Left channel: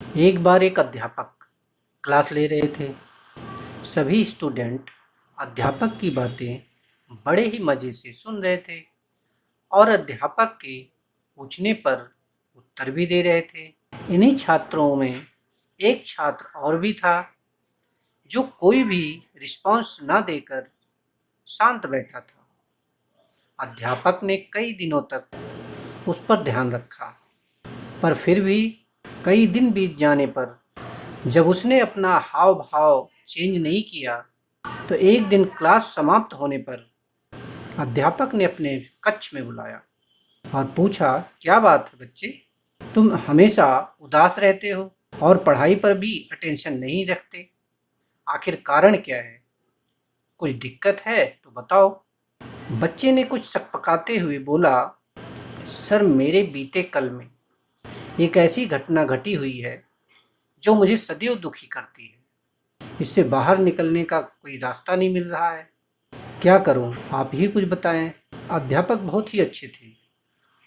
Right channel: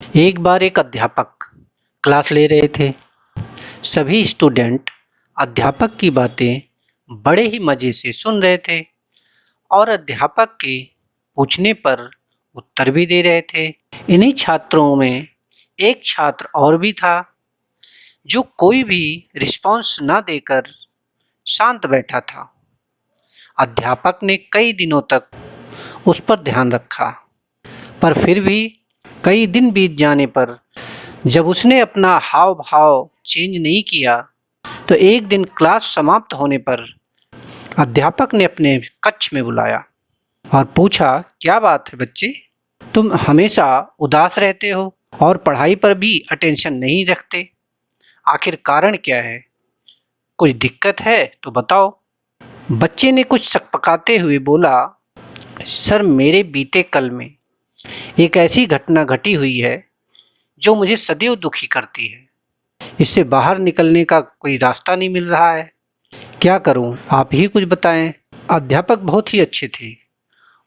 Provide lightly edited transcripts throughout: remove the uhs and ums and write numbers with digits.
एक बार एक अध्यापक क्लास ले रहे थे। सभी स्टूडेंट अध्यापक की बातें बड़े ही मज़े से सुन रहे थे और अध्यापक के पूछने पर उत्तर भी दे रहे थे। इन्हीं छात्रों में एक छात्र और भी था जो कोई भी रिस्पॉन्स ना देकर शांत बैठा था। अध्यापक ने कई दिनों तक उस पर ध्यान रखा, पर फिर भी कई दिन बीत जाने पर जब उसने अपना हाव-भाव चेंज नहीं किया, तो एक दिन क्लास समाप्त होने पर अध्यापक ने अपने कक्ष में बुलाया और पूछा, क्या बात है बच्चे? तुम हमेशा उदास रहते हो और पढ़ाई पर भी अटेंशन नहीं रखते। आखिर कारण क्या है? कुछ दिक्कत है तो बताओ। बच्चे ने कुछ सकपकाते हुए बोला, सर मेरे बीते कल में एक ऐसी घटना घटी हुई है जो मुझे सदैव दुखी करती है। इससे बाहर निकलने का कोई रास्ता नहीं मिल रहा है। क्या करूं? आप ही कुछ बताएं। अध्यापक बहुत ही अच्छे थे।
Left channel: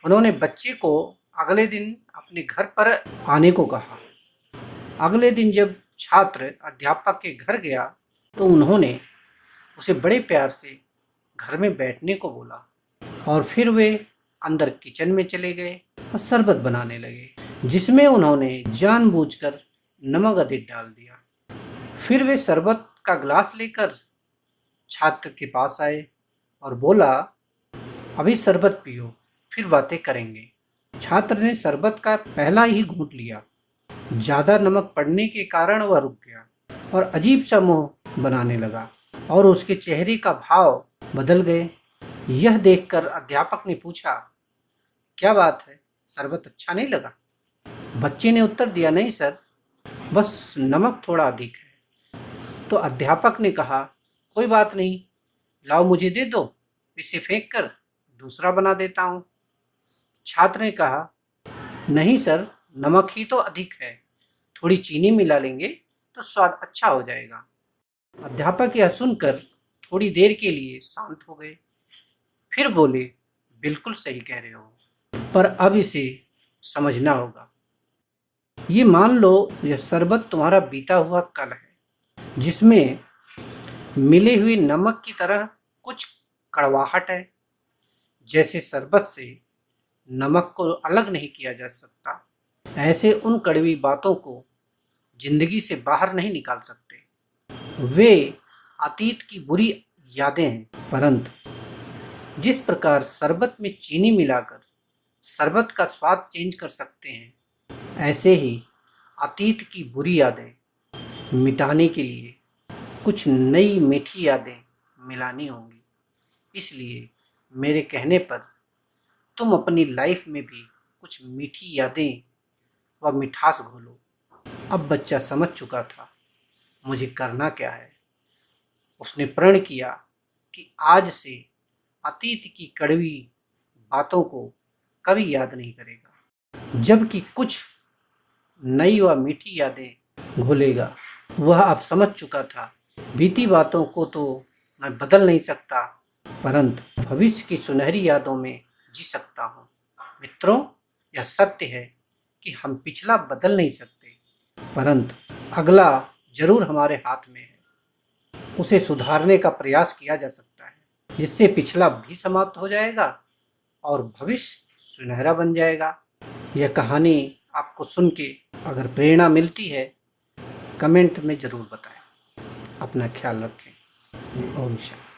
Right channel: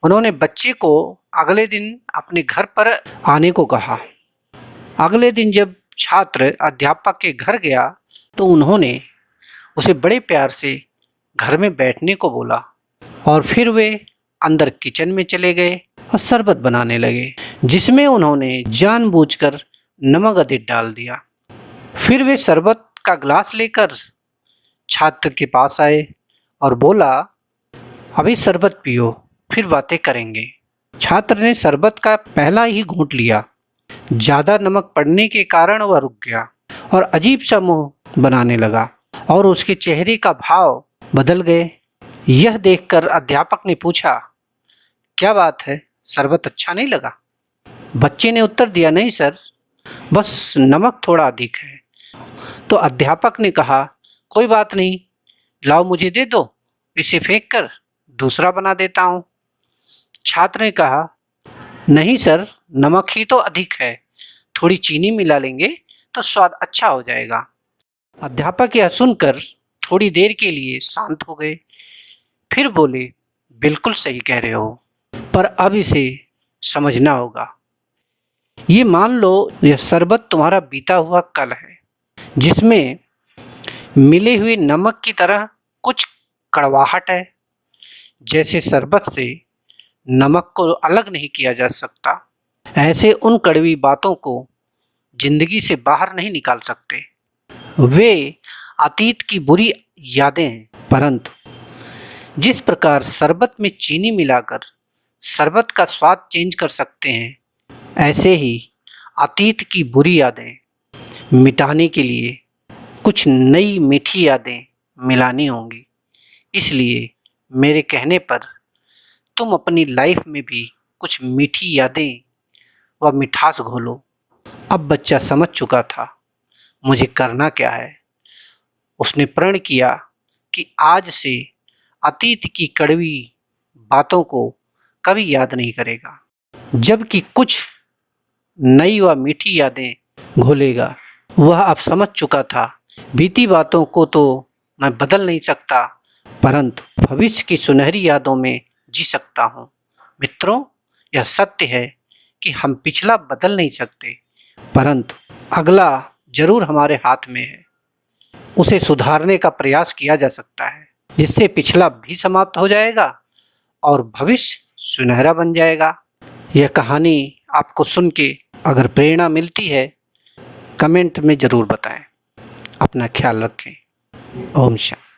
उन्होंने बच्चे को अगले दिन अपने घर पर आने को कहा। अगले दिन जब छात्र अध्यापक के घर गया तो उन्होंने उसे बड़े प्यार से घर में बैठने को बोला और फिर वे अंदर किचन में चले गए और शरबत बनाने लगे, जिसमें उन्होंने जानबूझकर नमक अधिक डाल दिया। फिर वे शरबत का ग्लास लेकर छात्र के पास आए और बोला, अभी शरबत पियो, फिर बातें करेंगे। छात्र ने शरबत का पहला ही घूंट लिया। ज़्यादा नमक पड़ने के कारण वह रुक गया और अजीब सा मुंह बनाने लगा और उसके चेहरे का भाव बदल गए। यह देखकर अध्यापक ने पूछा, क्या बात है, शरबत अच्छा नहीं लगा? बच्चे ने उत्तर दिया, नहीं सर, बस नमक थोड़ा अधिक है। तो अध्यापक ने कहा, कोई बात नहीं, लाओ मुझे दे दो, इसे फेंक कर दूसरा बना देता हूँ। छात्र ने कहा, नहीं सर, नमक ही तो अधिक है, थोड़ी चीनी मिला लेंगे तो स्वाद अच्छा हो जाएगा। अध्यापक यह सुनकर थोड़ी देर के लिए शांत हो गए, फिर बोले, बिल्कुल सही कह रहे हो, पर अब इसे समझना होगा। ये मान लो यह शरबत तुम्हारा बीता हुआ कल है, जिसमें मिले हुए नमक की तरह कुछ कड़वाहट है। जैसे शरबत से नमक को अलग नहीं किया जा सकता, ऐसे उन कड़वी बातों को जिंदगी से बाहर नहीं निकाल सकते। वे अतीत की बुरी यादें हैं, परंतु जिस प्रकार शरबत में चीनी मिलाकर शरबत का स्वाद चेंज कर सकते हैं, ऐसे ही अतीत की बुरी यादें मिटाने के लिए कुछ नई मीठी यादें मिलानी होंगी। इसलिए मेरे कहने पर तुम अपनी लाइफ में भी कुछ मीठी यादें व मिठास घोलो। अब बच्चा समझ चुका था मुझे करना क्या है। उसने प्रण किया कि आज से अतीत की कड़वी बातों को कभी याद नहीं करेगा, जबकि कुछ नई व मीठी यादें घोलेगा। वह अब समझ चुका था, बीती बातों को तो मैं बदल नहीं सकता, परंतु भविष्य की सुनहरी यादों में जी सकता हूँ। मित्रों, यह सत्य है कि हम पिछला बदल नहीं सकते, परंतु अगला जरूर हमारे हाथ में है। उसे सुधारने का प्रयास किया जा सकता है, जिससे पिछला भी समाप्त हो जाएगा और भविष्य सुनहरा बन जाएगा। यह कहानी आपको सुन के अगर प्रेरणा मिलती है, कमेंट में ज़रूर बताएं। अपना ख्याल रखें। ओम शांति।